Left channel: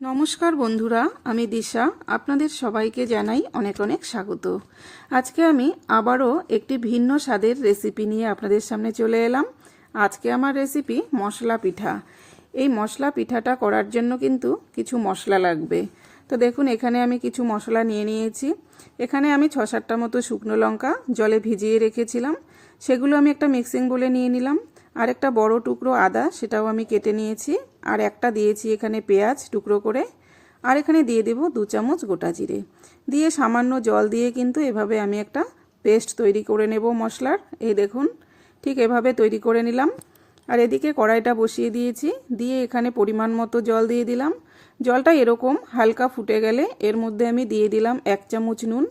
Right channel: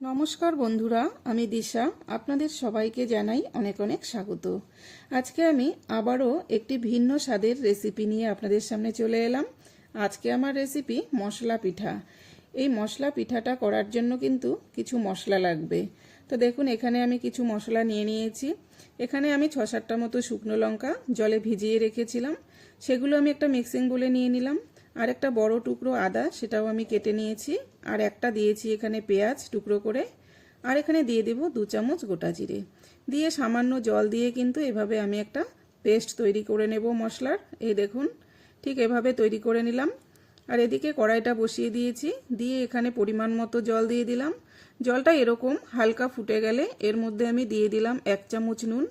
নমস্কার বন্ধুরা, আমি দিশা। আপনাদের সবাইকে জানাই অনেক অনেক স্বাগত। আজকে আমি আবারও একটি ভিন্ন স্বাদের রেসিপি নিয়ে আপনাদের সামনে চলে এলাম। আজকে আমার রেসিপি মশলা পিঠা। এই মশলা পিঠাটা করার জন্য কিন্তু কিছু মশলা লাগবে। তো দেখুন, এখানে আমি কিছু মশলা নিয়ে নিয়েছি। এখানে আমি 6-7টা মতো শুকনো লঙ্কা জলে ভিজিয়ে রেখেছিলাম, সেগুলো আমি একটা মিক্সিং বোলে নিয়ে নিলাম। আর একটা বড় টুকরো আদা, সেটাও আমি কেটে নিয়েছি। আর একটা দিয়েছি এখানে পেঁয়াজ টুকরো করে। আর এখানে দিয়ে দেব 2 চামচ গোটা জিরে দিয়ে সামান্য জল দিয়ে কিন্তু এভাবে আমি একটা পেস্ট তৈরি করে নেব মশলার। এই দেখুন, ঠিক এভাবে তৈরি করে নিলাম। আর এদিকে কড়াইটা বসিয়ে দিয়েছি, দিয়ে এখানে পরিমাণ মতো জল দিয়ে দিলাম। জলটা এরকম হালকা ফুটে গেলে এর মধ্যে আমি দিয়ে দিলাম 1 চামচ নুন,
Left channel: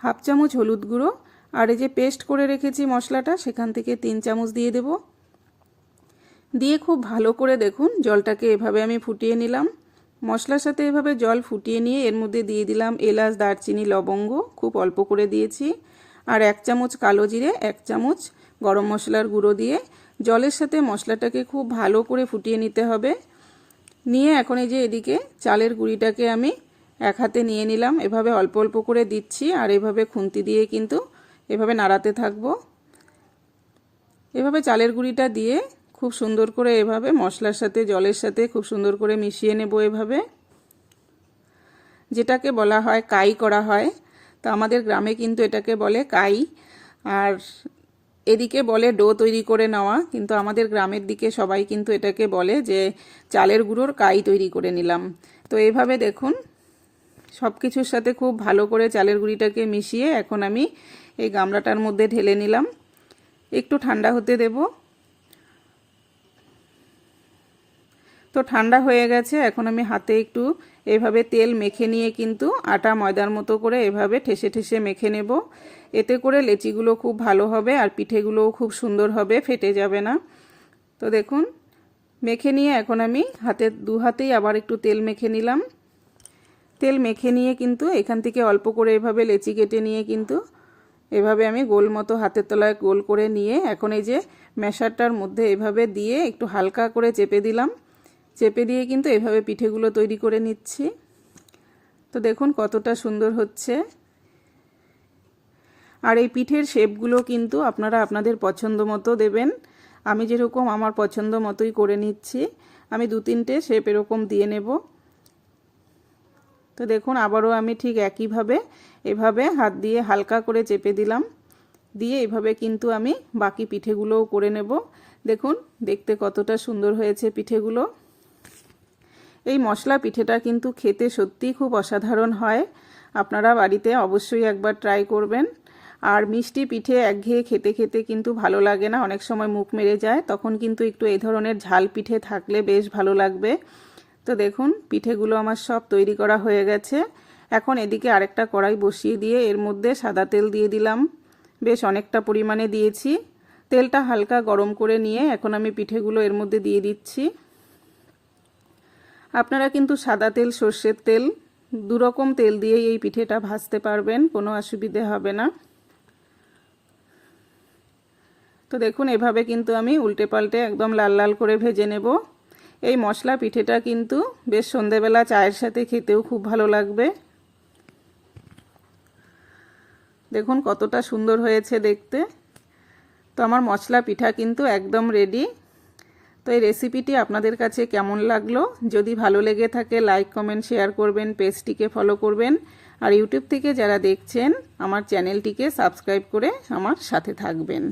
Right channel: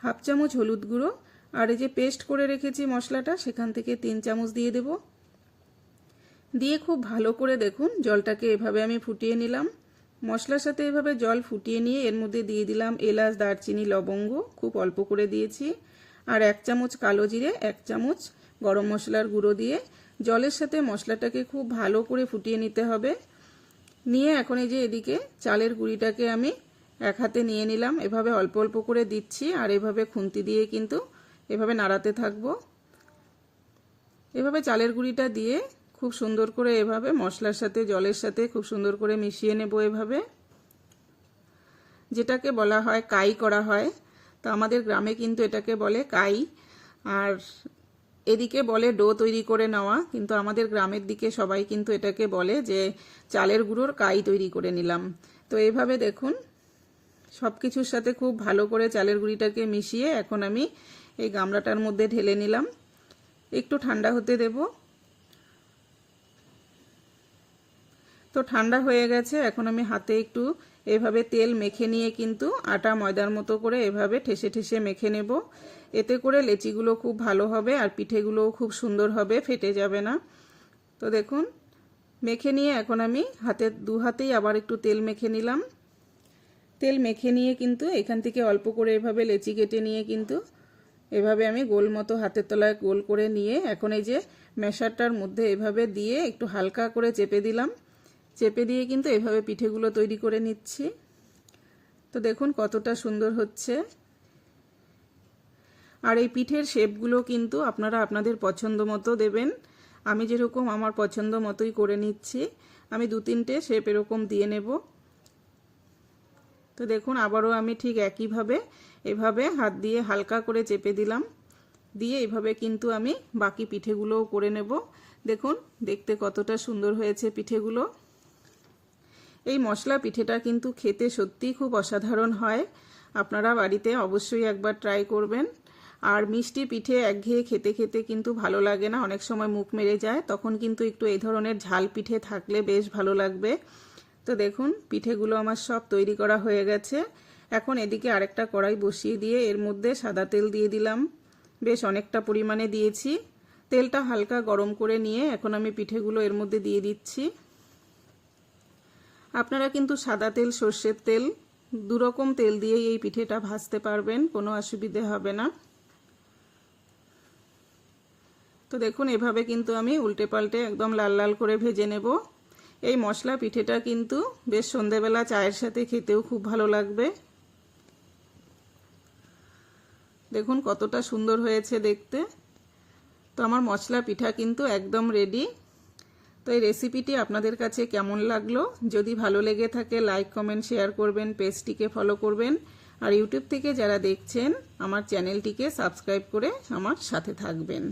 1/2 চামচ হলুদ গুঁড়ো, আর এই যে পেস্ট করে রেখেছি মশলাটা, সেখান থেকে 3 চামচ দিয়ে দেব। দিয়ে খুব ভালো করে দেখুন জলটাকে এভাবে আমি ফুটিয়ে নিলাম। মশলার সাথে এভাবে জল ফুটিয়ে নিয়ে এর মধ্যে দিয়ে দিলাম এলাচ, দারচিনি, লবঙ্গ, খুব অল্প করে দিয়েছি। আর 1 চামচ কালো জিরে, 1 চামচ গরম মশলার গুঁড়ো দিয়ে জলের সাথে মশলাটাকে খুব ভালো করে ফুটিয়ে নিতে হবে। নিয়ে এখন এই যে এদিকে চালের গুঁড়িটাকে আমি এক হাতে নিয়ে নিলাম, এভাবে অল্প অল্প করে দিচ্ছি। আর এভাবে খুন্তি দিয়ে কিন্তু এভাবে নাড়াতে থাকবো। এভাবে চালের গুঁড়িটা দিয়ে খুব সুন্দর করে এভাবে মশলার সাথে জলের সাথে খুব সুন্দর করে মিশিয়ে নেব, এভাবে, যেটাকে বলা হয় কাই করা হয়। তো আমাদের গ্রামে কিন্তু এটাকে বলে কাই, আর এদিকে বলে ডো তৈরি করে নেওয়া। কিন্তু আমাদের গ্রামের দিকে সবাই কিন্তু এটাকে বলে যে চালের গুঁড়োর কাই তৈরি করে নিলাম। তো এইভাবে দেখুন সব কিছুর সাথে খুব ভালো করে চালের গুঁড়িটাকে মিশিয়ে এখন আমি এই গামলাটার মধ্যে ঢেলে নিলাম। একটু ঠান্ডা হতে দেব। তো ঠান্ডা হয়ে গেছে, এখন আমি হাতে একটু এভাবে তেল মেখে নিয়ে কিন্তু আটা ময়দার মতো করে এভাবে ঠেসে ঠেসে মেখে নেব। এতে করে লেচিগুলো খুব ভালো হবে আর পিঠেগুলোও খুব সুন্দর হবে, ফেটে যাবে না। তো দেখুন মেখে নিয়ে এখন আমি দু হাতেই আবার একটু তেল মেখে নিলাম। তেল মেখে নিয়ে কিন্তু এখান থেকে অল্প করে এভাবে লেচি কেটে নিয়ে কিন্তু এভাবে আমি গোল মতো হাতের তলায় গোল করে নিয়ে এখন এই যে ম্যাশারটার মধ্যে এভাবে দিয়ে একটু হালকা করে চেপে দিলাম। চেপে দিয়ে কিন্তু এভাবে পিঠেগুলো তৈরি করে নিচ্ছি। তো দেখুন কতটা সুন্দর হচ্ছে। আর এই পিঠের শেপগুলো কিন্তু আপনারা আপনাদের পছন্দ মতো দেবেন। আমি যেরকম আমার পছন্দ মতোই করে নিচ্ছি। আমি 2-3টে শেপ এরকম দিয়ে নেব। তো দেখুন আবারও আমি ঠিক একইভাবে এভাবে হাত দিয়ে হালকা করে চেপে দিলাম, দিয়ে এভাবে কিন্তু আমি বাকি পিঠেগুলোও করে নেব। দেখুন দেখতে কতটা সুন্দর হয়েছে পিঠেগুলো। এই মশলা পিঠেটা কিন্তু খেতে সত্যিই খুব অসাধারণ হয়। আপনারা বাড়িতে অবশ্যই একবার ট্রাই করবেন। আর মিষ্টি পিঠে একঘেয়ে খেতে খেতে কিন্তু ভালো লাগে না, অনেক সময় মুখ মেরে যায়। তখন কিন্তু একটু এই ধরনের ঝাল পিঠে থাকলে বেশ ভালো লাগবে। তো দেখুন পিঠেগুলো আমার সব তৈরি করা হয়ে গেছে। এখন এদিকে আরেকটা কড়াই বসিয়ে দিয়ে এর মধ্যে সাদা তেল দিয়ে দিলাম, বেশ অনেকটা পরিমাণে দিয়েছি। তেলটা হালকা গরম করে নিয়ে এখন আমি পিঠেগুলো এর মধ্যে দিয়ে দিচ্ছি। আপনারা কিন্তু সাদা তেল, সর্ষের তেল, দুরকম তেল দিয়েই এই পিঠেটা ভাজতে পারবেন, কোনো অসুবিধে হবে না। তো দেখুন এভাবে কিন্তু আমি উল্টে পাল্টে একদম লাল লাল করে ভেজে নেব। এই মশলা পিঠেটা কিন্তু বেশ সন্ধেবেলা চায়ের সাথে খেতেও খুব ভালো লাগবে। দেখুন কতটা সুন্দর হয়েছে দেখতে। তো আমার মশলা পিঠা কিন্তু একদম রেডি। তো এই রেসিপিটি আপনাদের কাছে কেমন লাগলো? যদি ভালো লেগে থাকে লাইক, কমেন্ট, শেয়ার করবেন, পেজটিকে ফলো করবেন। আর ইউটিউব থেকে যারা দেখছেন আমার চ্যানেলটিকে সাবস্ক্রাইব করে আমার সাথে থাকবেন।